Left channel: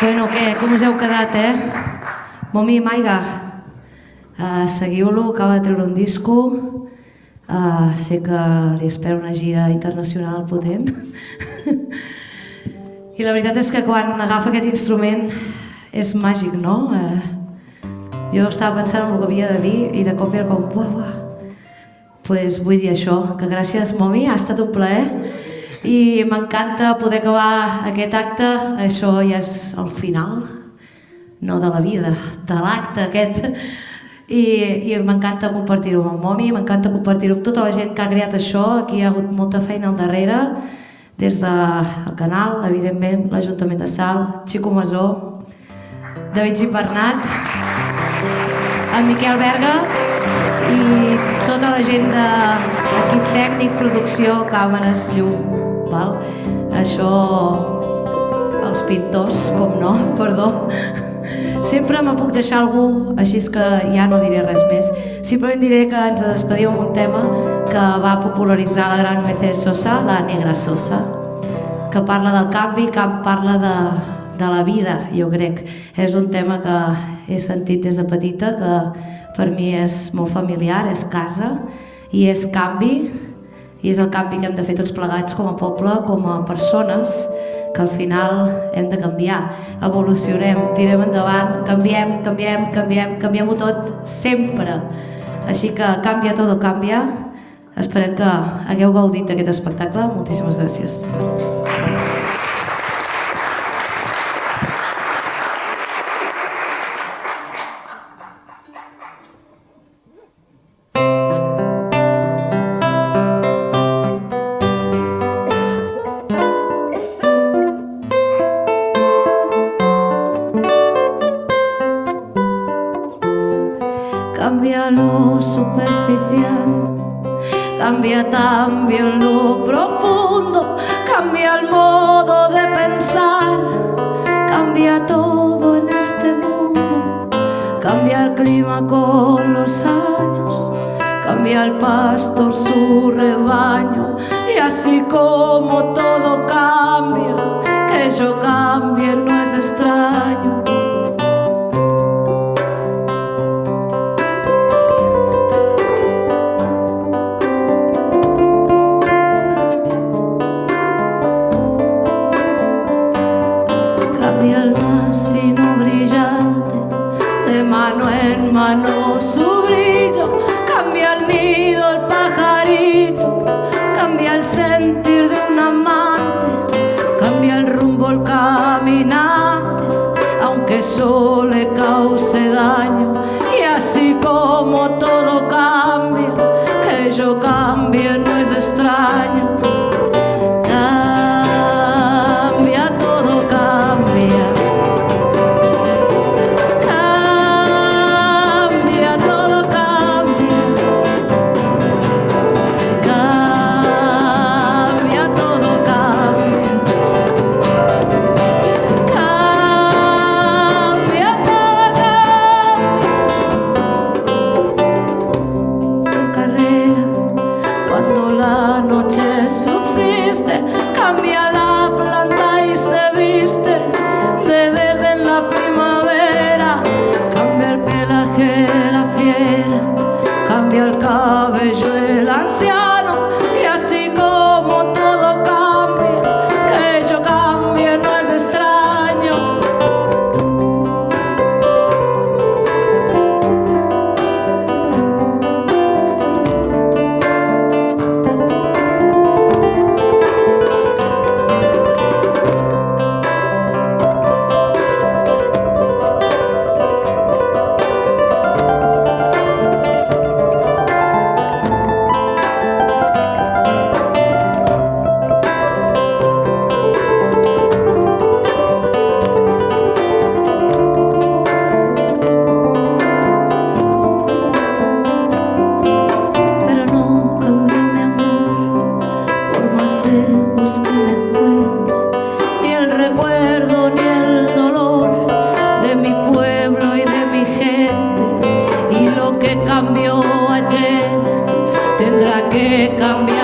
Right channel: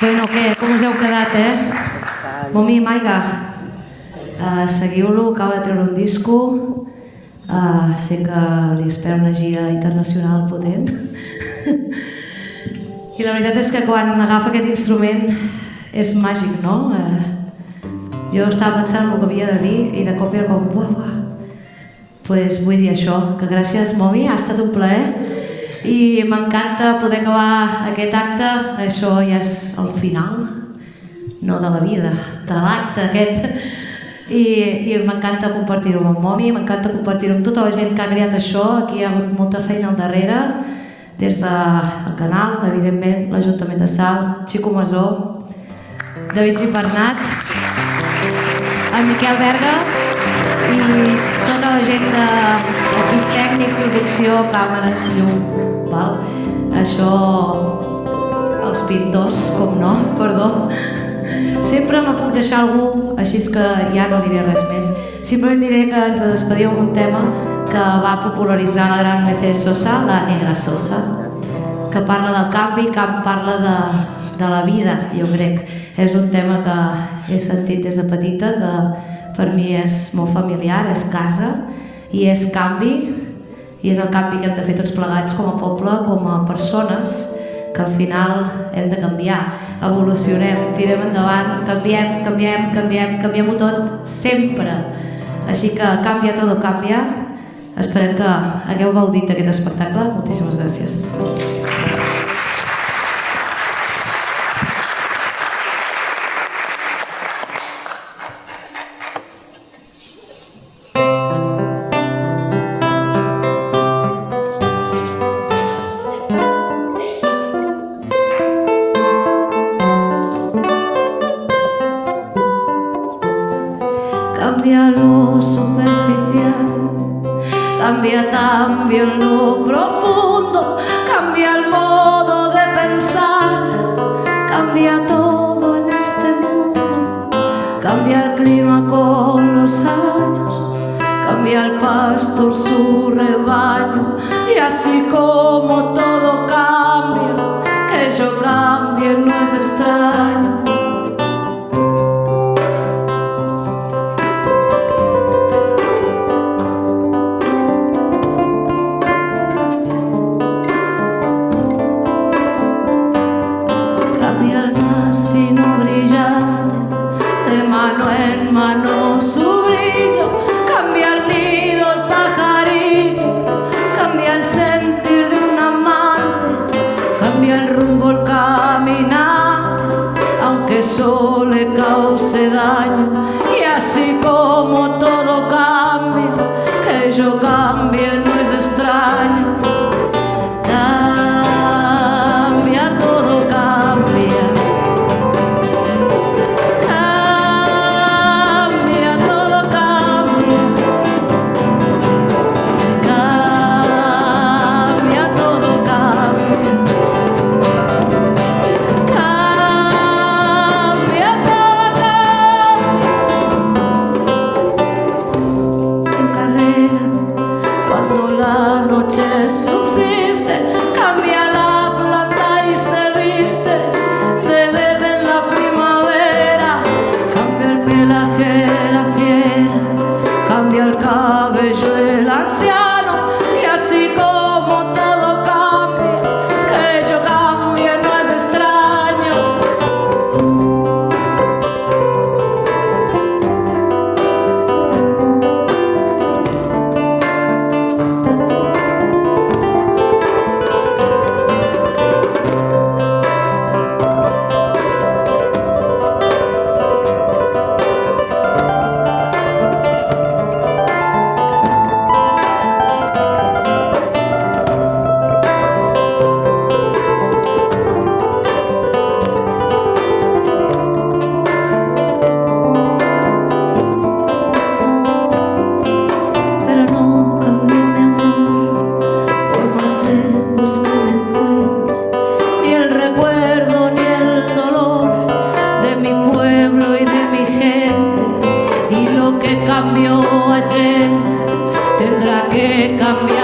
Bueno, què? Com us heu quedat, Momi i Maiga, seguiu-lo, acaba de treure un disco, sé que li espera una gira internacional potent i la veritat és que quan agafa aquest instrument és màgic, no? Jo estava pensant en el que havia de dir i de cop era com buah. Pues vull dir això, que gràcies Momi, ha estat un plaer i m'encanta poder acabar aquest acte. Això ja és el final, no de la vida, de l'acte aquest, i m'encanta compartir-ho amb Momi, m'encanta compartir-ho amb tota la gent que ha creat això. Aquí hi ha hagut molta feina al darrere, des del canal, evidentment l'Ajuntament de Salt, Xico Masó, David Gimbernat, en Miquel Berga i tota la gent d'equip tècnic, producció, càmeres, llum, val? Això, els pintors, com no, perdó. Sempre me puc deixar algú, així que ja no diré res més. Simplement diré que ens despedim amb un tema que va popularitzar la gran Mercedes Sosa, la Negra Sosa, que parla del canvi, que parla de la vida, jo crec. És un tema que he sentit des de petita, que per mi és molt familiar, és casa i és canvi, i és el canvi que hem de fer tots plegats com a poble, com a persones, que al final hem de canviar, evolucionem, tirem endavant, canviem-ho tot sempre. Així que canvia todo cambia. Esperem que hagueu gaudit d'aquest espectacle. Moltíssimes gràcies. Cambia lo superficial, cambia también lo profundo, cambia el modo de pensar, cambia todo en este mundo, cambia el clima con los años, cambia el pastor su rebaño, y así como todo cambia, que yo cambie no es extraño. Cambia el más fino brillante, de mano en mano su brillo, cambia el nido, el pajarillo, cambia el sentir de un amante, cambia el rumbo el caminante, aunque eso le cause daño, y así como todo cambia, que yo cambie no es extraño. Cambia, todo cambia. Cambia, todo cambia. Cambia, todo cambia. Cambia, todo cambia. Su carrera, cuando la noche subsiste, cambia la planta y se viste de verde en la primavera, cambia el pelaje la fiera, cambia el cabello el anciano, y así como todo cambia, que yo cambie no es extraño. Pero no cambió mi amor, por más lejos que me encuentre, ni el recuerdo ni el dolor de mi pueblo y de mi gente. Y lo que cambió ayer tendrá que cambiar